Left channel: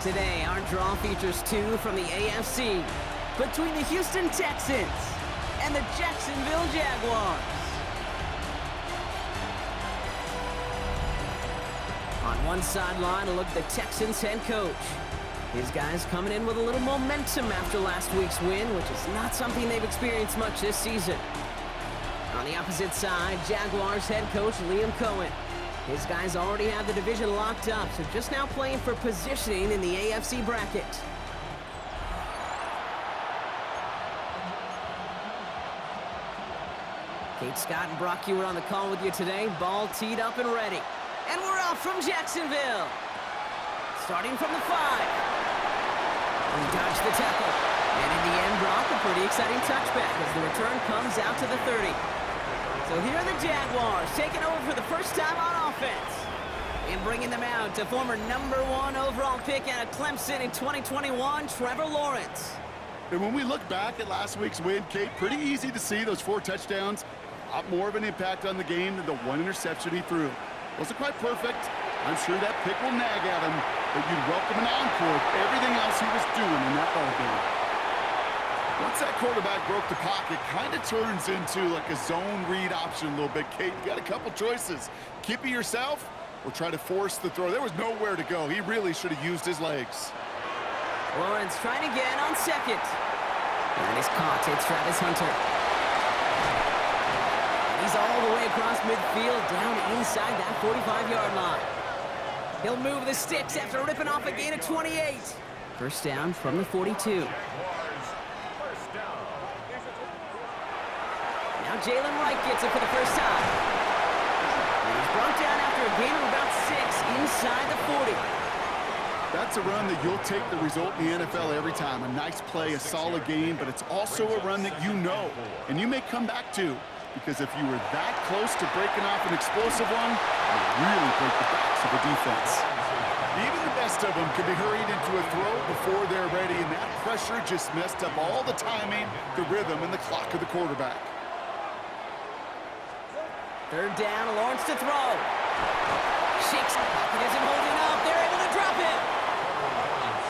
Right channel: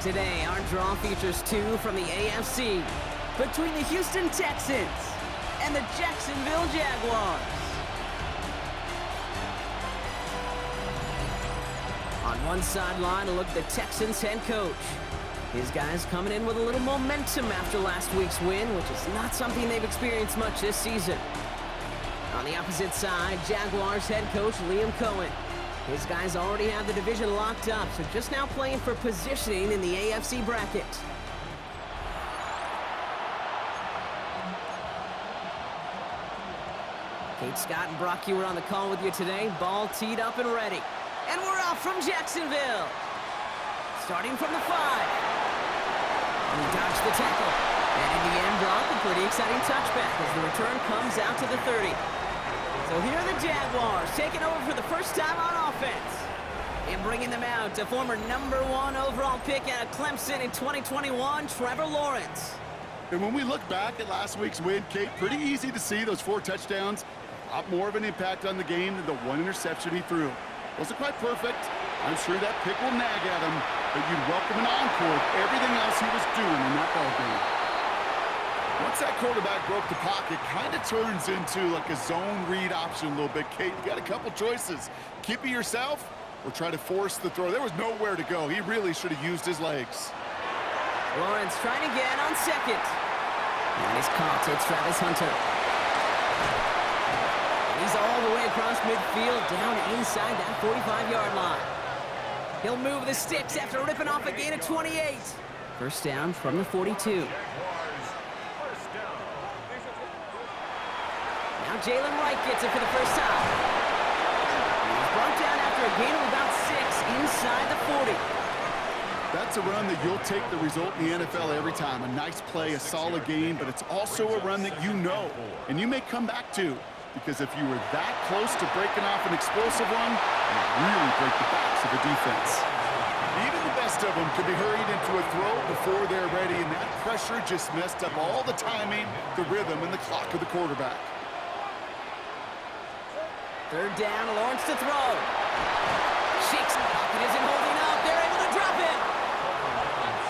Today, our draw features two from the AFC between the Houston Texans and the Jacksonville Jaguars. On one sideline, a look at the Texans head coach. His guys coming in with a little momentum after last week's win, which is not something they've experienced much this season. On the opposite side, Jaguars head coach Liam Cohen. His guys already have the division locked up, so just now playing for positioning in the AFC bracket. Kate Scott and Brock Hewitt on the call with you today. Ball teed up and ready. And we're off from Jacksonville. Starting from the 5. He dodged the tackle. And in the end, Brock, a pretty exciting touchback as the return comes out to the 30. So here are the Jaguars taking over for the first time on offense. And bringing them out to former #1 overall pick out of Clemson in 2021, Trevor Lawrence. And when we look back at last week's win, Kate, pretty easy to see those 4 touchdowns. A lot more of an impact on the game than the 1 interception he threw. Wasn't quite perfect. I'm sure that pick will nag at him, but you'd welcome an encore of everything else he was doing in that ball game. Once that quarterback broke the pocket, kind of turns into like a zone read option a little bit, Kate. You got a couple choices. Keep it yourself or try to force the throw. There was nowhere to go. He really should have used his legs. Lawrence trying again on second. And he's caught. It's Travis Hunter. And he's all the way across midfield, down inside that 45-yard line. He'll move the sticks after ripping off a gain of 28. First down from the 42. Now Jalen Wright gets it for the first time. And he's brought down after a gain of about 6 inside the 40. That's a run that you'll take the result in the NFL every time. A nice play, a solid game, but it's also a run that you know and you may come back to, because if you were that close to breaking off an explosive one, you'll really break the backs of the defense. Even the best of them could be hurried into a throw before they're ready, and that pressure just messed up all the timing, the rhythm, and the clock of the quarterback. Third down, Lawrence to throw. Shakes, pocket isn't holding up. They're able to drop it.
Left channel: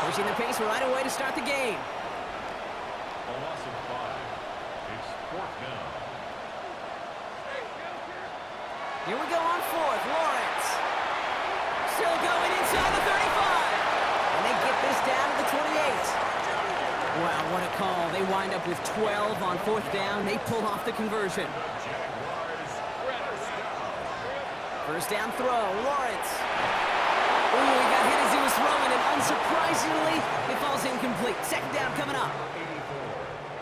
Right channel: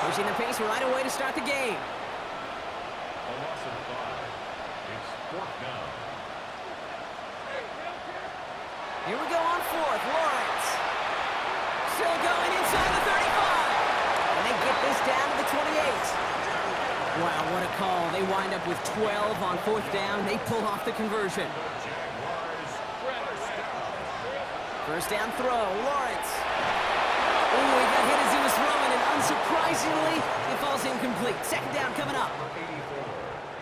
Pushing the pace right away to start the game. A loss of 5. It's 4th down. Here we go on 4th. Lawrence. Still going inside the 35. And they get this down to the 28. Wow, what a call. They wind up with 12 on 4th down. They pull off the conversion. First down throw, Lawrence. Ooh, he got hit as he was throwing, and unsurprisingly, it falls incomplete. Second down coming up. 84,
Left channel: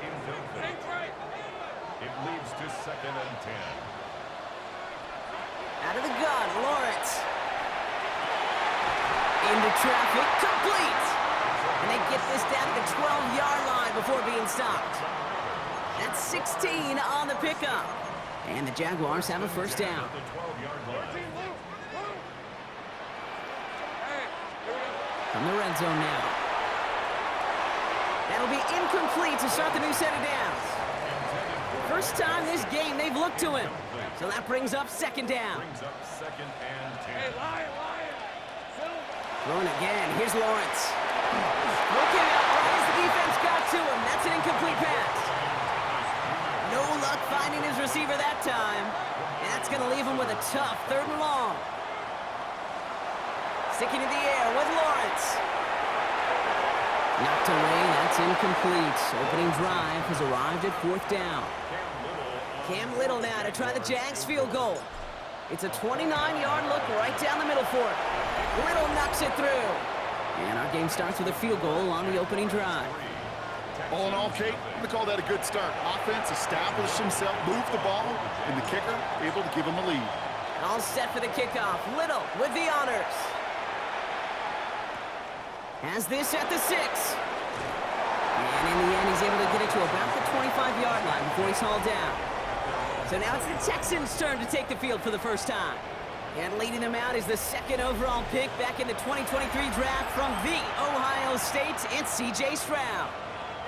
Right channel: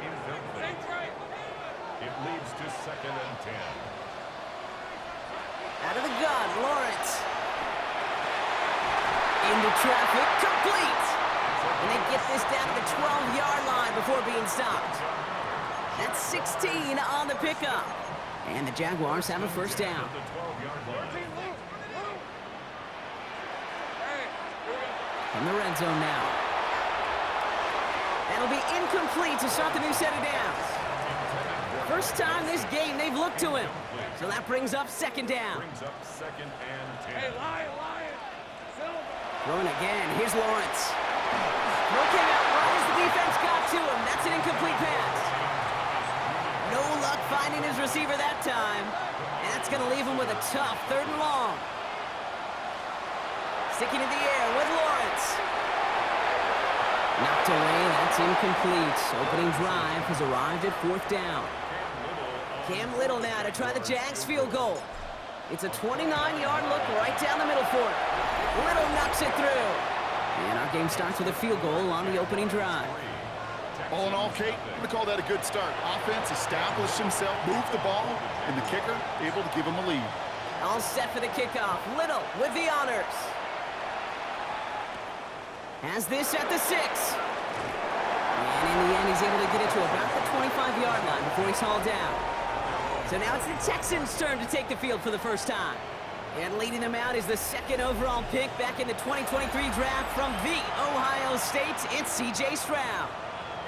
incomplete. It leads to 2nd and 10. Out of the gun, Lawrence. Into traffic, complete. And they get this down to the 12-yard line before being stopped. That's 16 on the pickup. And the Jaguars have a first down. From the red zone now. That'll be incomplete to start the new set of downs. First time this game they've looked to him. So that brings up 2nd down. Throwing again. Here's Lawrence. Throw came out right as the defense got to him. That's an incomplete pass. No luck finding his receiver that time. And that's going to leave him with a tough 3rd and long. Sticking in the air with Lawrence. Knocked away, that's incomplete. Opening drive has arrived at 4th down. Cam Little now to try the Jags field goal. It's a 29-yard look right down the middle for it. Little knocks it through. And our game starts with a field goal on the opening drive. All in all, Kate, I'm going to call that a good start. Offense established himself, moved the ball, and the kicker able to give him a lead. All set for the kickoff. Little with the honors. Has this at the 6. And in the end, he's able to get it to about the 25-yard line before he's hauled down. So now it's the Texans' turn to take the field for the first time. And leading them out is the 2nd overall pick back in the 2023 draft from the Ohio State. It's C.J. Stroud.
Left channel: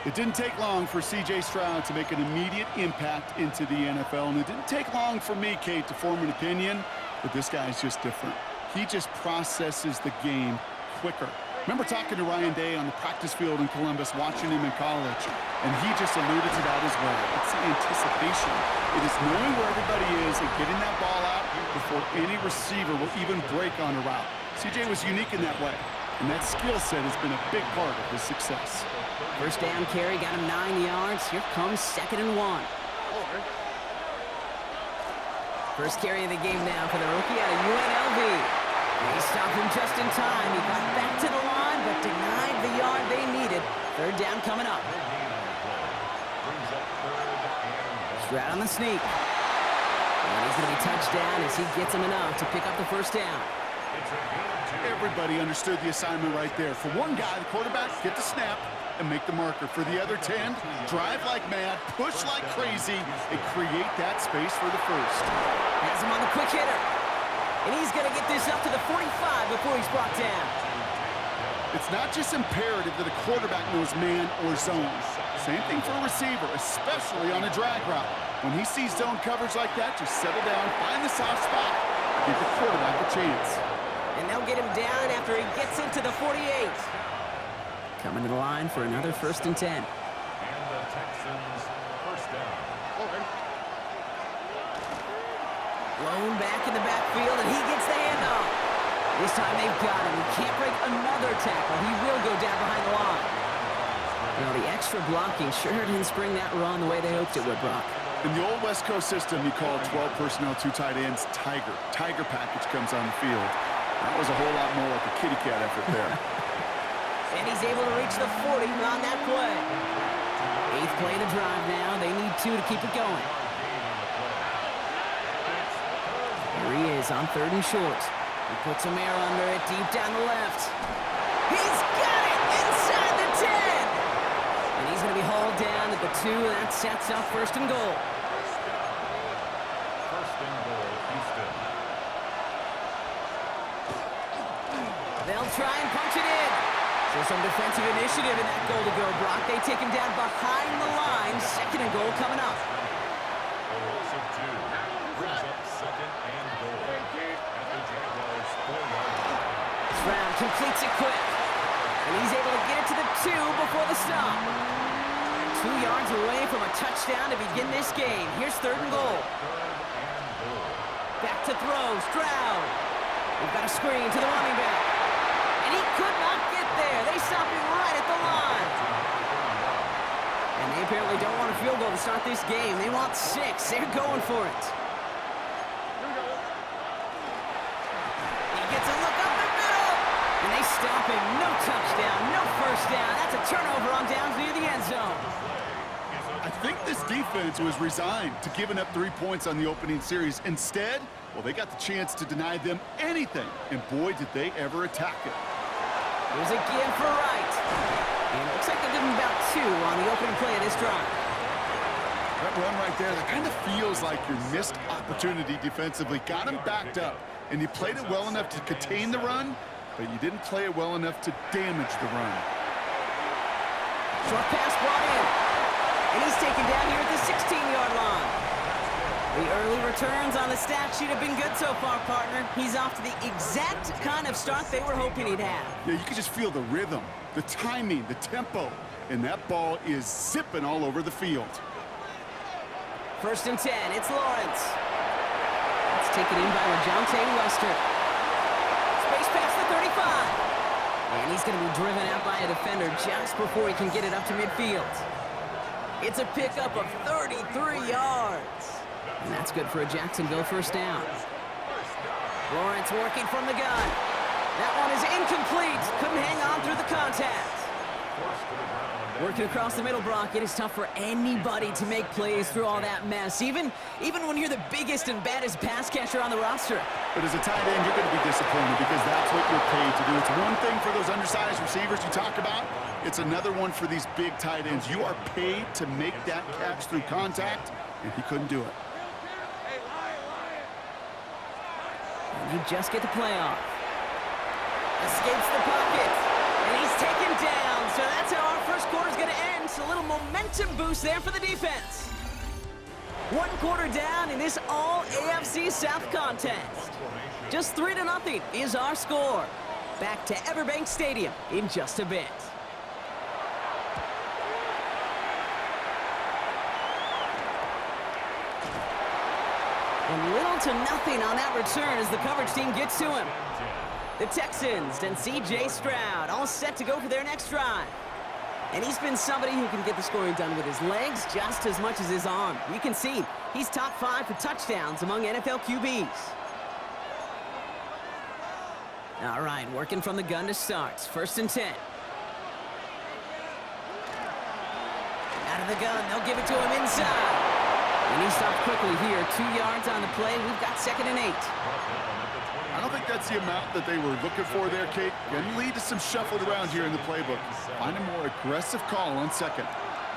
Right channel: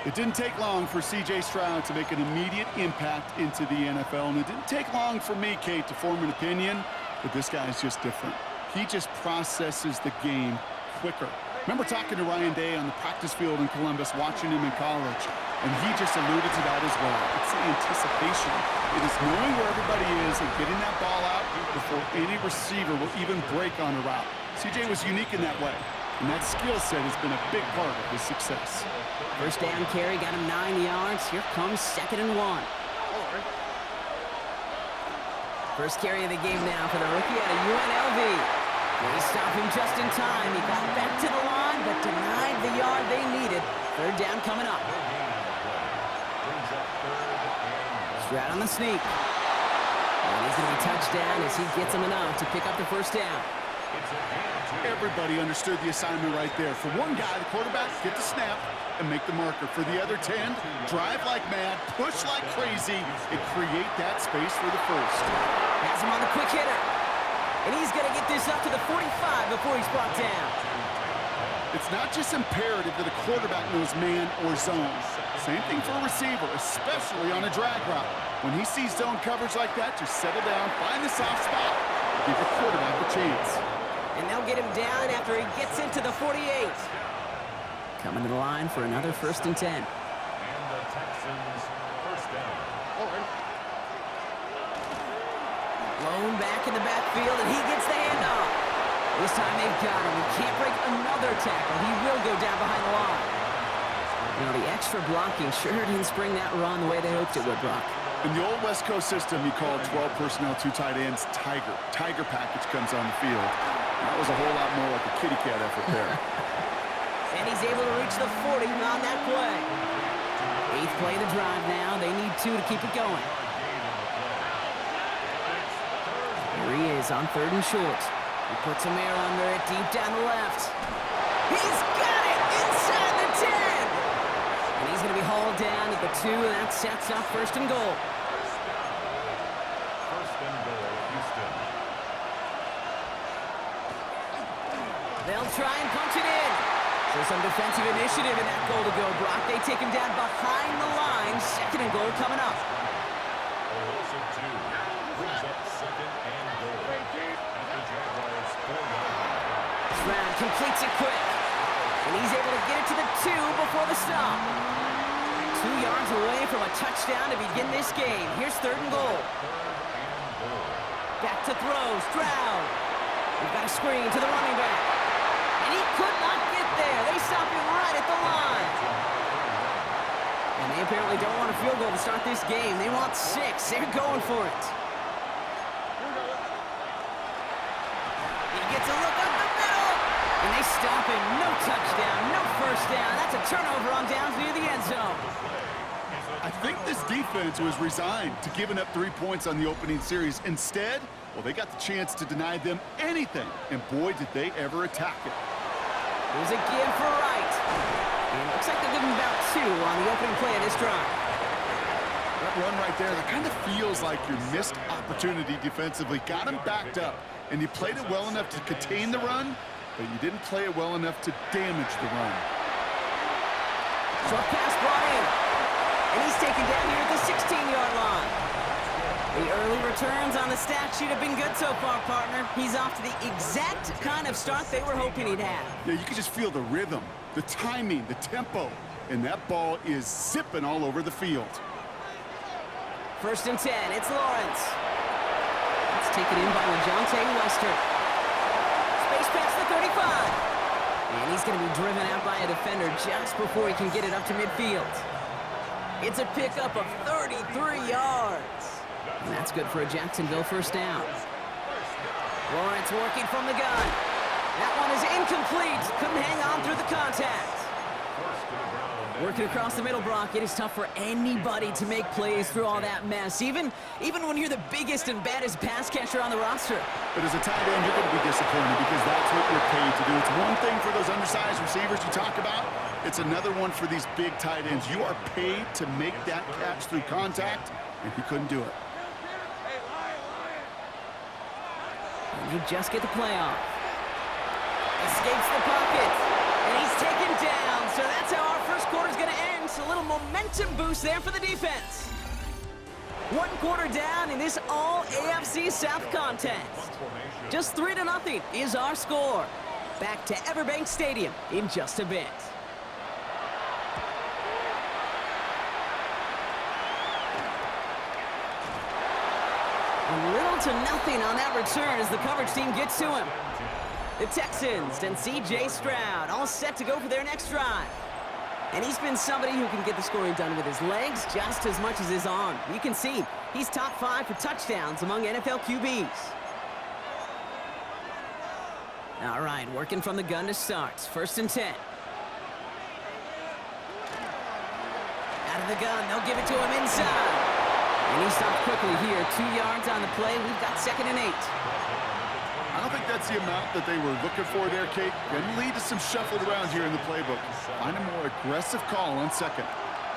It didn't take long for C.J. Stroud to make an immediate impact into the NFL, and it didn't take long for me, Kate, to form an opinion that this guy is just different. He just processes the game quicker. Remember talking to Ryan Day on the practice field in Columbus, watching him in college, and he just alluded to that as well. It's the anticipation. It is knowing where everybody is and getting that ball out before any receiver will even break on a route. CJ was unique in that way, and that skill set has been a big part of his success. First down carry, got him 9 yards. Here comes 2nd and 1. First carry of the game now for the rookie out of UNLV. They stopped him just in time. He got back to the line, but denied the yard they needed. 3rd down coming up. Stroud on the sneak. And he's going to be touched down as he gets him enough to pick up the 1st down. Everybody understood the assignment right there. For one guy, the quarterback, get the snap and make the marker. For the other 10, drive like mad, push like crazy, and create that space for the 1st. Has him on the quick hitter. And he's going to get this up to the 45 before he's brought down. It's not just imperative that a quarterback knows man or zone. Same thing for a receiver, especially on a drag route. When he sees zone coverage like that, just settle down, find the soft spot, and give the quarterback a chance. And they'll get him down after he gets into the 48. Coming to the line for another 1st and 10. And the Texans' 1st down. Blown back in the backfield, and he gets the handoff. This time they've got him. He can't break another tackle. He will go down behind the line. You know, the extra blocking sure didn't spring that run the way they hoped it would, Brock. In the old West Coast system, you call 12 personnel, 2 tight ends, Tiger. Tiger package comes on the field. That was a whole lot more like a kitty cat effort there. And he's able to reach the 40 on that play. 8th play of the drive now. They need 2 to keep it going. Here he is on 3rd and short. He puts some air under it deep down the left. He's got it inside the 10. And he's going to be hauled down at the 2, and that sets up 1st and goal. 1st and goal, Houston. They'll try and punch it in. So some defensive initiative in that goal to go, Brock. They take him down behind the line. 2nd and goal coming up. A loss of 2 brings up 2nd and goal at the Jaguars' 4-yard line. Stroud completes it quick. And he's able to get it to the 2 before the stop. 2 yards away from a touchdown to begin this game. Here's 3rd and goal. Back to throw, Stroud. We've got a screen to the running back. And he could not get there. They stop him right at the line. And they apparently don't want a field goal to start this game. They want 6. They're going for it. He gets a look up the middle. And they stop him. No touchdown, no 1st down. That's a turnover on downs near the end zone. I think this defense was resigned to giving up 3 points on the opening series. Instead, well, they got the chance to deny them anything. And boy, did they ever attack it. Here's a give for Wright. And it looks like they'll give him about 2 on the opening play of this drive. That run right there, that kind of feels like your missed opportunity defensively. Got him backed up, and you played it well enough to contain the run, but you didn't play it well enough to damage the run. Short pass brought in. And he's taken down here at the 16-yard line. The early returns on the stat sheet have been good so far, partner. He's off to the exact kind of start they were hoping he'd have. Yeah, you can just feel the rhythm, the timing, the tempo, and that ball is zipping all over the field. 1st and 10, it's Lawrence. That's taken in by LeJounte Wester. Space past the 35. And he's going to be driven out by a defender just before he can get it up to midfield. It's a pickup of 33 yards. And that's good for a Jacksonville 1st down. Lawrence working from the gun. That one is incomplete. Couldn't hang on through the contact. Working across the middle, Brock, it is tough for anybody to make plays through all that mess, even when you're the biggest and baddest pass catcher on the roster. But as a tight end, you're going to be disappointed because that's what you're paid to do. It's one thing for those undersized receivers you talk about. It's another one for these big tight ends. You are paid to make that catch through contact, and he couldn't do it. And they just get the play off. Escapes the pocket. And he's taken down. So that's how our first quarter is going to end. So a little momentum boost there for the defense. 1 quarter down in this all AFC South contest. Just 3-0 is our score. back to Everbank Stadium in just a bit. And little to nothing on that return as the coverage team gets to him. The Texans and C.J. Stroud all set to go for their next drive. And he's been somebody who can get the scoring done with his legs just as much as his arm. You can see he's top 5 for touchdowns among NFL QBs. All right, working from the gun to start. 1st and 10. Out of the gun, they'll give it to him inside. And he stopped quickly here. 2 yards on the play. We've got 2nd and 8. I don't think that's the amount that they were looking for there, Kate. Going to lead to some shuffling around here in the playbook. Find a more aggressive call on 2nd.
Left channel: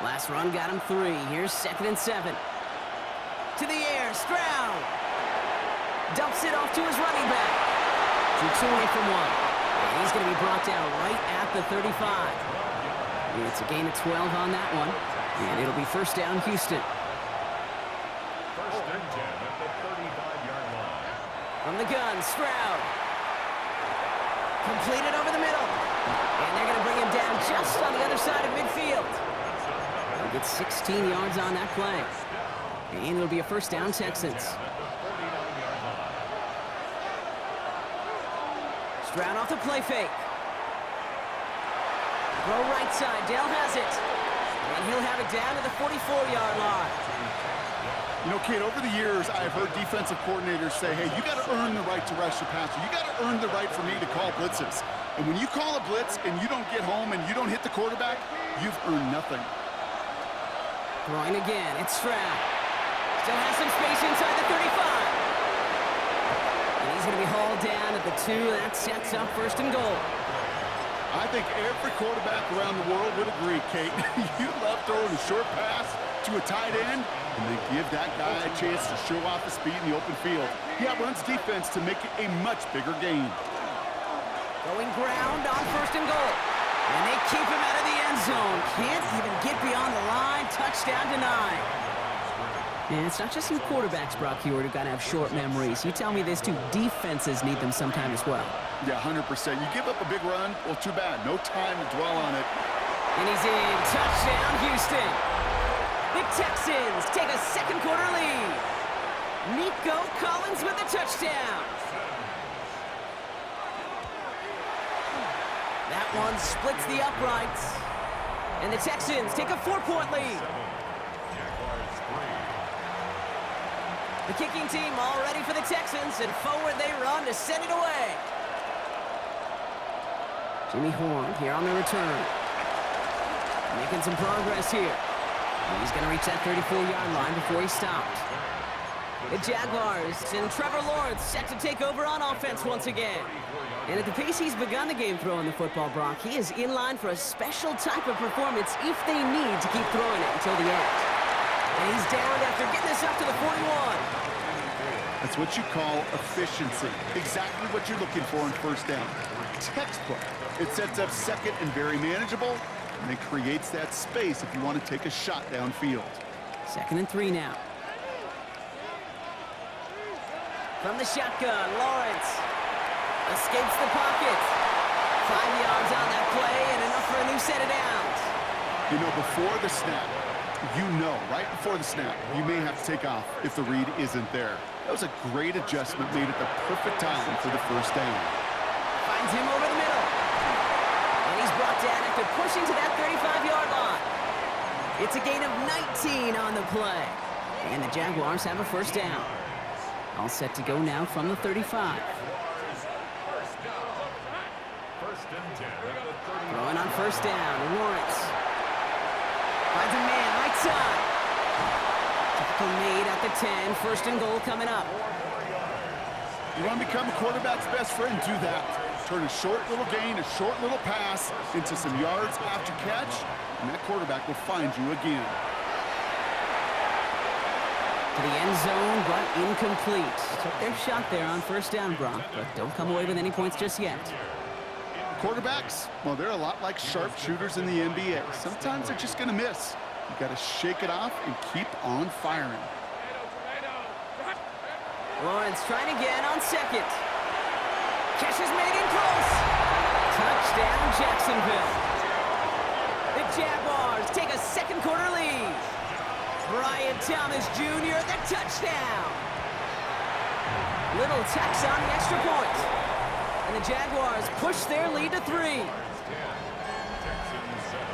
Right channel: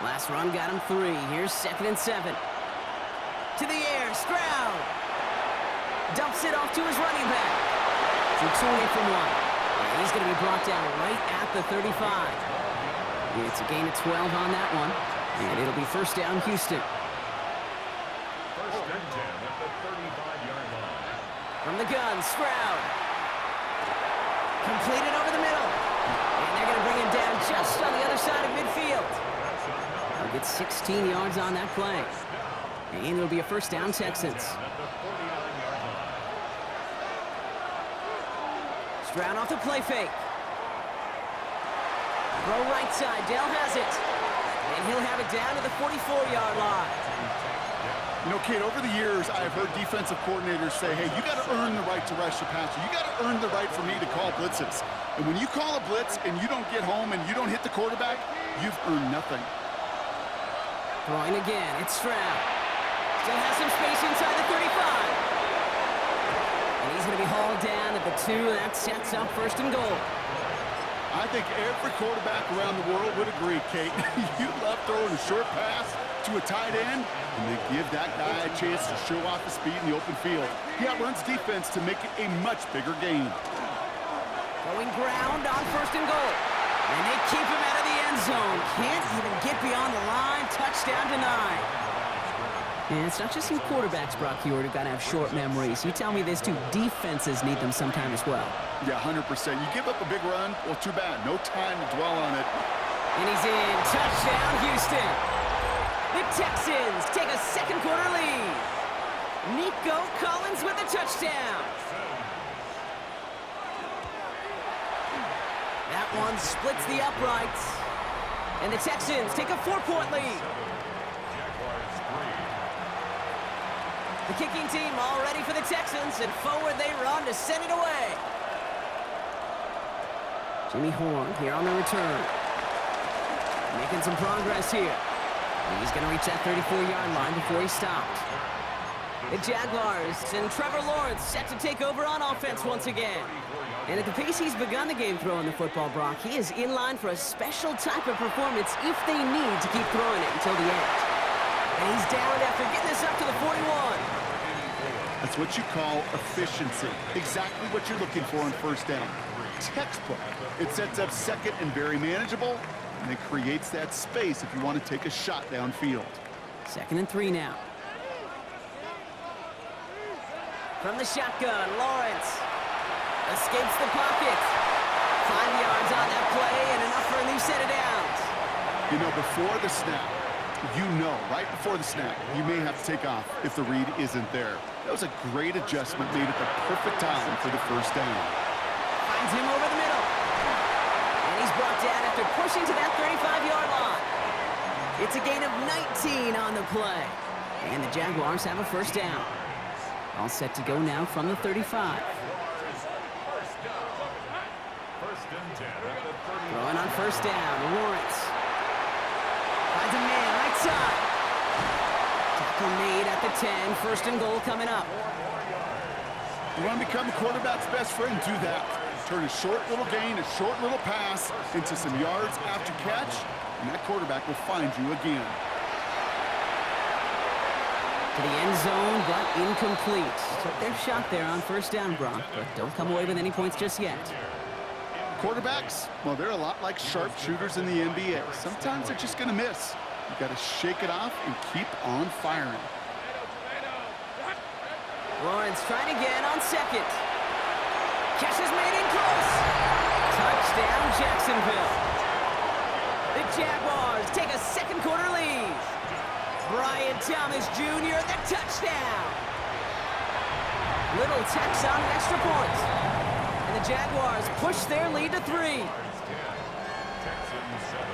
Last run got him 3. Here's 2nd and 7. To the air, Stroud. Dumps it off to his running back. Jukes away from one. And he's going to be brought down right at the 35. It's a gain of 12 on that one. And it'll be 1st down, Houston. 1st and 10 at the 35-yard line. From the gun, Stroud. Completed over the middle. And they're going to bring him down just on the other side of midfield. They'll get 16 yards on that play. And it'll be a 1st down, Texans. Stroud off the play fake. Throw right side. Dell has it. And he'll have it down to the 44-yard line. You know, Kate, over the years, I have heard defensive coordinators say, hey, you got to earn the right to rush the passer. You got to earn the right for me to call blitzes. And when you call a blitz and you don't get home and you don't hit the quarterback, you've earned nothing. Throwing again. It's Stroud. Still has some space inside the 35. And he's going to be hauled down at the 2. That sets up 1st and goal. I think every quarterback around the world would agree, Kate. You love throwing a short pass to a tight end and then give that guy a chance to show off his speed in the open field. He outruns defense to make it a much bigger gain. Going ground on 1st and goal. And they keep him out of the end zone. Can't even get beyond the line. Touchdown denied. And it's not just you quarterbacks, Brock Heward, who've got to have short memories. You tell me this too. Defenses need them sometime as well. Yeah, 100%. You give up a big run, well, too bad. No time to dwell on it. And he's in. Touchdown, Houston. The Texans take a 2nd quarter lead. Nico Collins with a touchdown. That one splits the uprights. And the Texans take a 4-point lead. Jaguars 3. The kicking team all ready for the Texans, and forward they run to send it away. Jimmy Horn here on the return. Making some progress here. He's going to reach that 34-yard line before he stopped. The Jaguars and Trevor Lawrence set to take over on offense once again. And at the pace he's begun the game throwing the football, Brock, he is in line for a special type of performance if they need to keep throwing it until the end. And he's down after getting this up to the 41. That's what you call efficiency. Exactly what you're looking for on 1st down. Textbook. It sets up 2nd and very manageable, and it creates that space if you want to take a shot downfield. 2nd and 3 now. From the shotgun, Lawrence escapes the pocket. 5 yards on that play and enough for a new set of downs. You know, before the snap, right before the snap, you may have to take off if the read isn't there. That was a great adjustment made at the perfect time for the 1st down. Finds him over the middle. And he's brought down after pushing to that 35-yard line. It's a gain of 19 on the play. And the Jaguars have a 1st down. All set to go now from the 35. 1st and 10 at the 30. Throwing on 1st down, Lawrence. Finds a man right side. Tackle made at the 10. 1st and goal coming up. You want to become a quarterback's best friend? Do that. Turn a short little gain, a short little pass into some yards after catch, and that quarterback will find you again. To the end zone, but incomplete. Took their shot there on 1st down, Brock, but don't come away with any points just yet. Quarterbacks, well, they're a lot like sharpshooters in the NBA. Sometimes they're just going to miss. You got to shake it off and keep on firing. Lawrence trying again on 2nd. Catch is made in close. Touchdown, Jacksonville. The Jaguars take a second quarter lead. Brian Thomas Jr., the touchdown. Little tacks on the extra point. And the Jaguars push their lead to 3. Texans 7.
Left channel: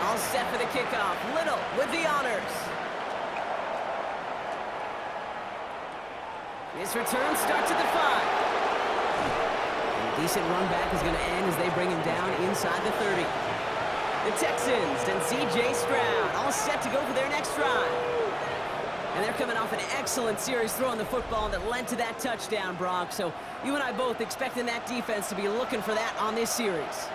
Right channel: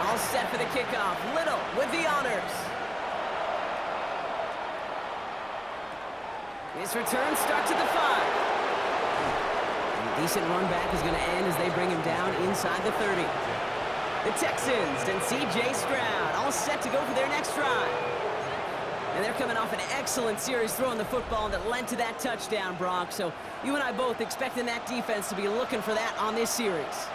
All set for the kickoff. Little with the honors. This return starts at the 5. And a decent run back is going to end as they bring him down inside the 30. The Texans and C.J. Stroud all set to go for their next drive. And they're coming off an excellent series throwing the football that led to that touchdown, Brock. So you and I both expecting that defense to be looking for that on this series.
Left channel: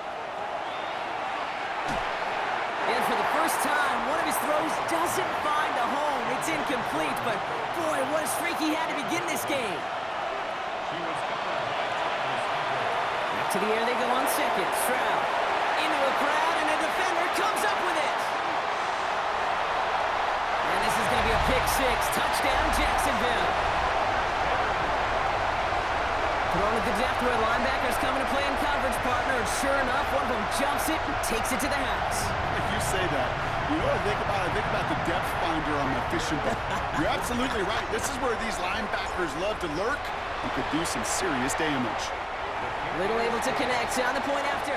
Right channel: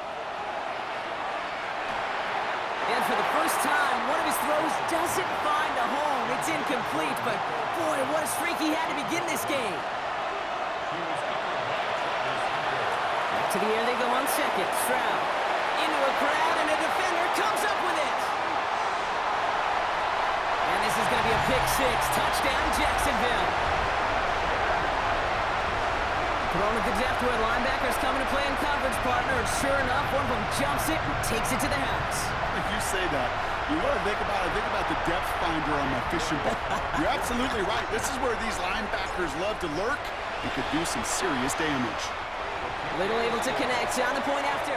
And for the first time, one of his throws doesn't find a home. It's incomplete, but boy, what a streak he had to begin this game. Back to the air they go on second. Stroud into a crowd, and a defender comes up with it. And this is going to be a pick 6. Touchdown, Jacksonville. Thrown at the depth where linebackers coming to play in coverage, partner. And sure enough, one of them jumps it and takes it to the house. You say that. You know what I think about? I think about the depth finder on my fishing boat. You're absolutely right. This is where these linebackers love to lurk and could do some serious damage. Little able to connect on the point after.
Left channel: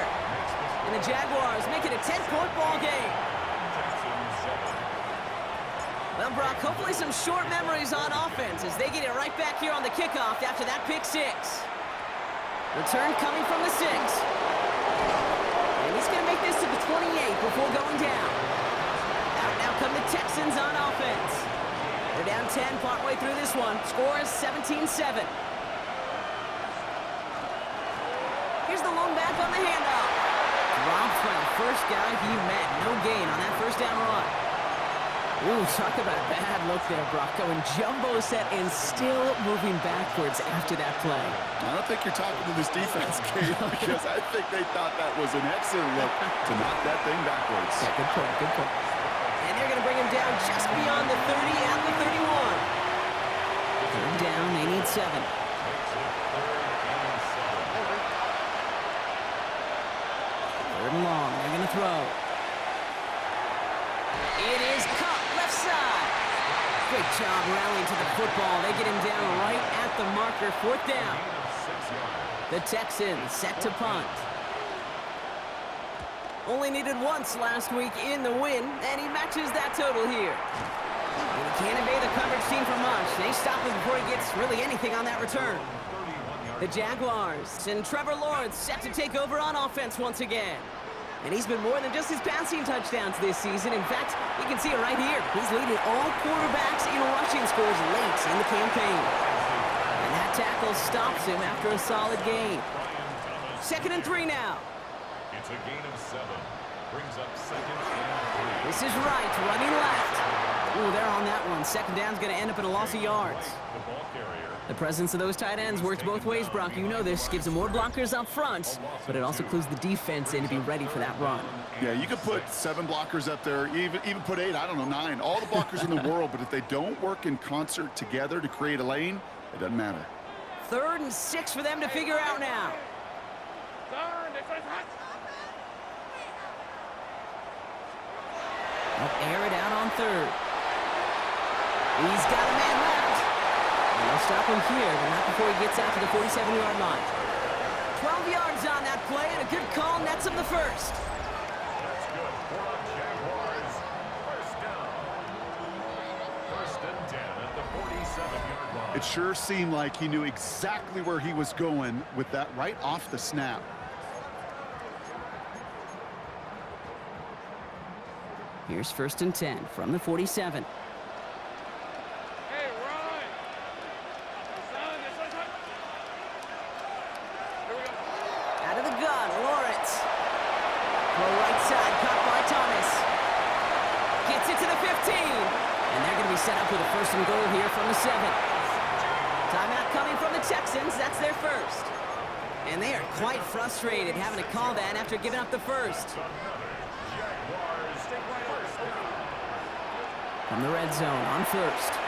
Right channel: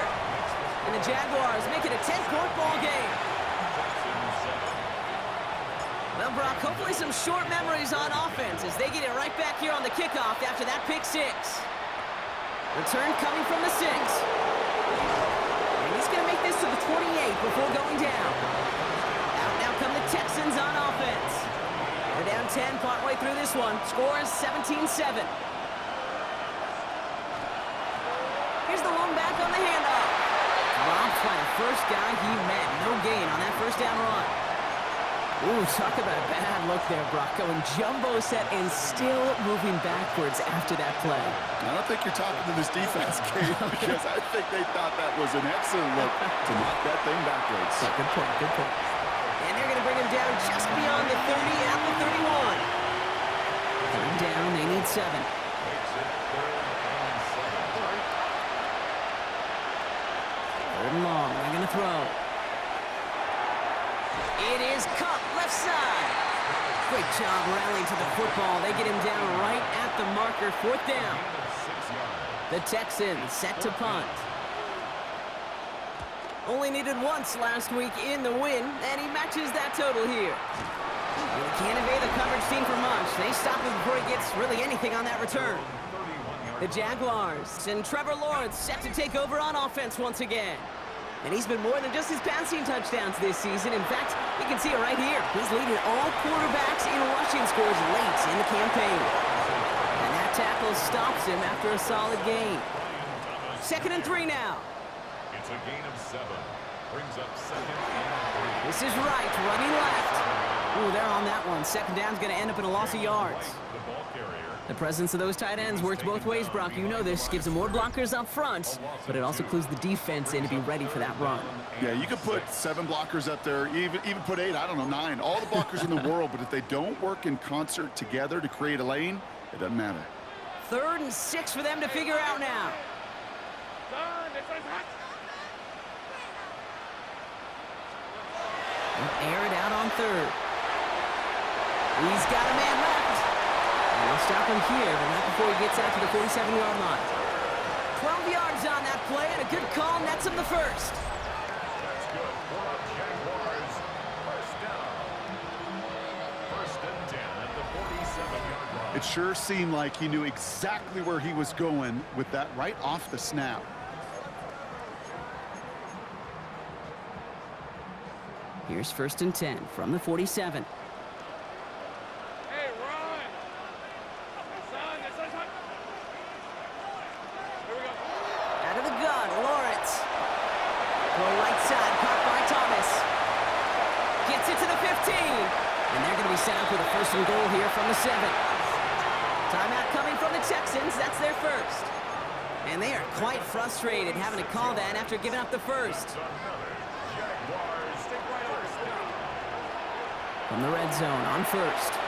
And the Jaguars make it a 10-point ball game. Well, Brock, hopefully some short memories on offense as they get it right back here on the kickoff after that pick 6. Return coming from the 6. And he's going to make this to the 28 before going down. Out now come the Texans on offense. They're down 10 partway through this one. Score is 17-7. Here's the lone back on the handoff. Dropped by the first guy he met. No gain on that first down run. Ooh, talk about a bad look there, Brock. Going jumbo set and still moving backwards after that play. I don't think you're talking to this defense, Kate, because I think they thought that was an excellent look to knock that thing backwards. Yeah, good point, good point. And they're going to bring him down just beyond the 30 at the 31. Third down, they need 7. Makes it 3rd and 7. Third and long, they're going to throw. It is caught left side. Great job rallying to the football. They get him down right at the marker. 4th down. The Texans set to punt. Only needed once last week in the win, and he matches that total here. And he can't evade the coverage team for much. They stop him before he gets really anything on that return. The Jaguars and Trevor Lawrence set to take over on offense once again. And he's been more than just his passing touchdowns this season. In fact, you can see it right here. He's leading all quarterbacks in rushing scores late in the campaign. And that tackle stops him after a solid gain. 2nd and 3 now. It's a gain of 7. Brings up 2nd and 3. This is right, running left. Ooh, they're on that one. 2nd down's going to end up in a loss of yards. The ball carrier. The presence of those tight ends works both ways, Brock. You know this. Gives them more blockers up front, but it also clues the defense in to be ready for that run. Yeah, you could put 7 blockers up there, even put 8, I don't know, 9. All the blockers in the world, but if they don't work in concert together to create a lane, it doesn't matter. 3rd and 6 for them to figure out now. They'll air it out on 3rd. He's got a man left. And they'll stop him here, but not before he gets out to the 47-yard line. 12 yards on that play, and a good call nets him the first. That's good for the Jaguars. 1st down. 1st and 10 at the 47-yard line. It sure seemed like he knew exactly where he was going with that right off the snap. Here's 1st and 10 from the 47. Out of the gun, Lawrence. Throw right side, caught by Thomas. Gets it to the 15. And they're going to be set up with a 1st and goal here from the 7. Timeout coming from the Texans. That's their first. And they are quite frustrated having to call that after giving up the first. From the red zone on 1st.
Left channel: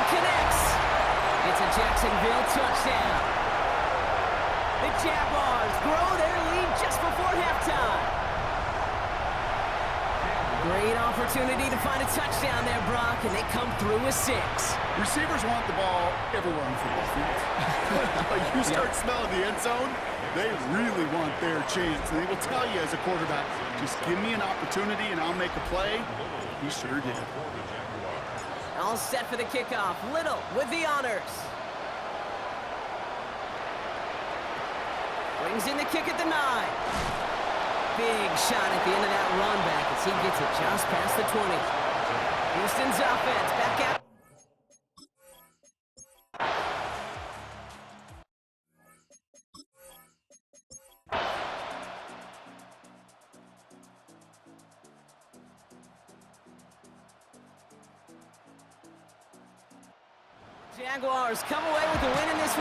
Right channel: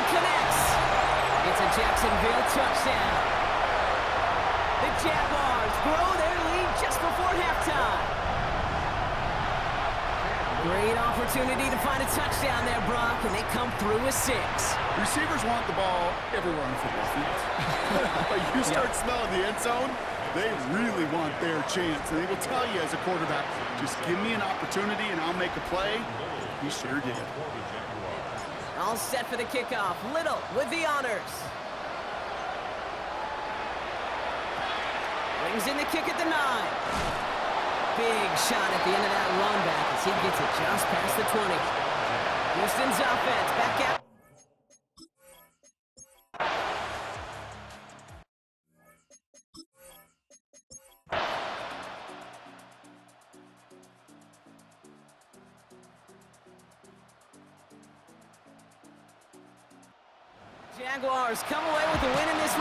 one connects. It's a Jacksonville touchdown. The Jaguars grow their lead just before halftime. Great opportunity to find a touchdown there, Brock, and they come through with 6. Receivers want the ball everywhere on the football field. But you start smelling the end zone, they really want their chance. And they will tell you as a quarterback, just give me an opportunity and I'll make a play. He sure did. All set for the kickoff. Little with the honors. Brings in the kick at the 9. Big shot at the end of that run back as he gets it just past the 20. Houston's offense back out. Jaguars come away with the win in this